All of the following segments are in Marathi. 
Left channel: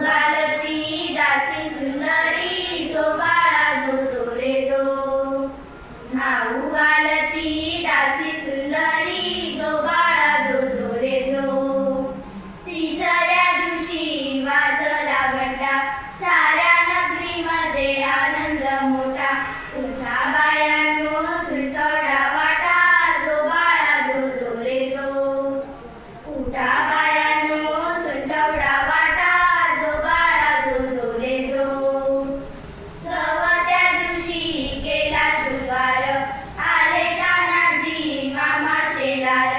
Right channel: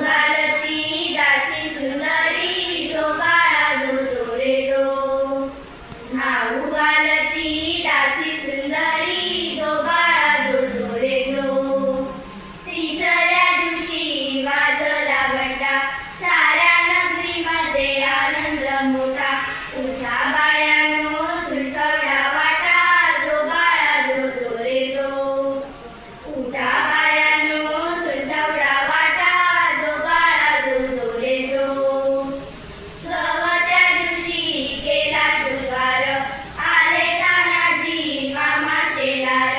घालती दासी सुंदरी जो बाळा जो जो रे जो नाऊ घालती दासी सुंदरी जो बाळा जो जो रे जो तिसऱ्या दिवशी वाजला घंटा साऱ्या नगरीमध्ये आनंद मोठा उठा बायांनो सुलकवडा वाटा जो बाळा जो जो रे जो उठा बायांनो सुलकवडा वाटा जो बाळा जो जो रे जो सवत्या दिवशी केला शृंगार आले तानाजी मामा शेलार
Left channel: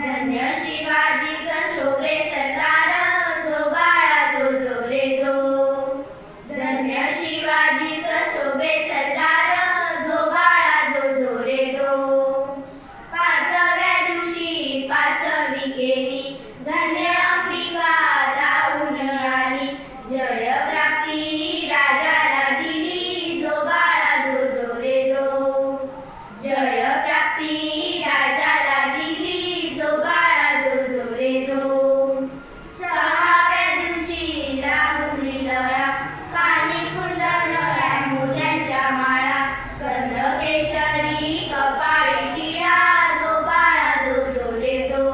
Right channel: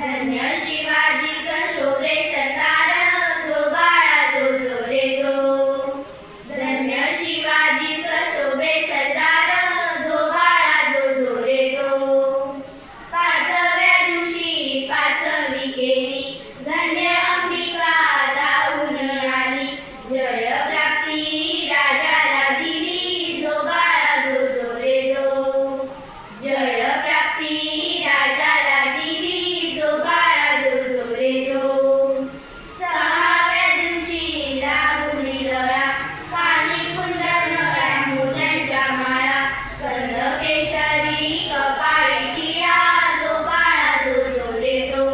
धन्य शिवाजी शोभे सरदार जो बाळा जो जो रे जो धन्य शिवाजी शोभे सरदार जो बाळा जो जो रे जो पाचव्या दिवशी पाचवी केली धन्य अंबिका धावून आली जय प्राप्ती राजाला दिली जो बाळा जो जो रे जो जय प्राप्ती राजाला दिली जो बाळा जो जो रे जो सहाव्या दिवशी लावली लळा कानी कुंडल नळा मोत्यांच्या माळा गंध केशरी कपाळी टिळा जो बाळा जो जो रे जो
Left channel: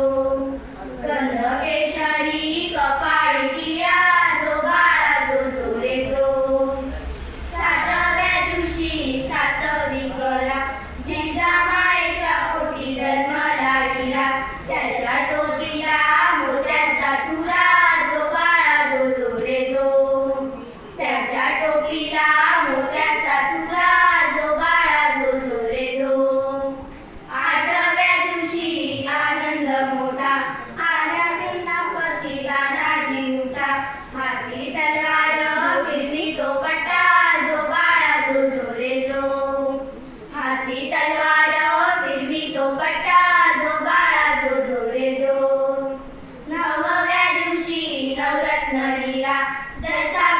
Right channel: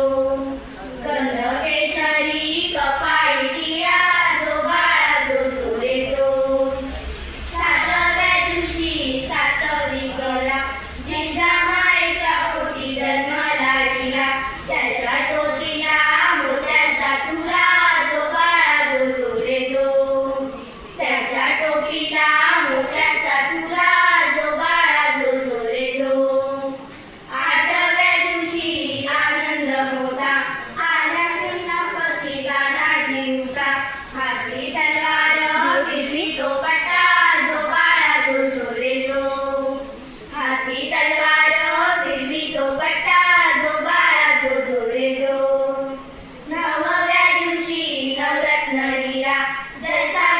गंध केशरी कपाळी टिळा जो बाळा जो जो रे जो सातव्या दिवशी सातवी करा जिजामाईच्या पोटी जन्माला दिला त्याच्या चोटीला मोत्यांचा तुरा जो बाळा जो जो रे जो त्याच्या टोपीला मोत्यांचा तुरा जो बाळा जो जो रे जो आठव्या दिवशी आनंद मोठा आल्या सेनापती गाणाची उठा हाती तलवार फिरवी तो पट्टा जो बाळा जो जो रे जो हाती तलवार फिरवी तो पट्टा जो बाळा जो जो रे जो नवव्या दिवशी नवरत्न हिरा जैसा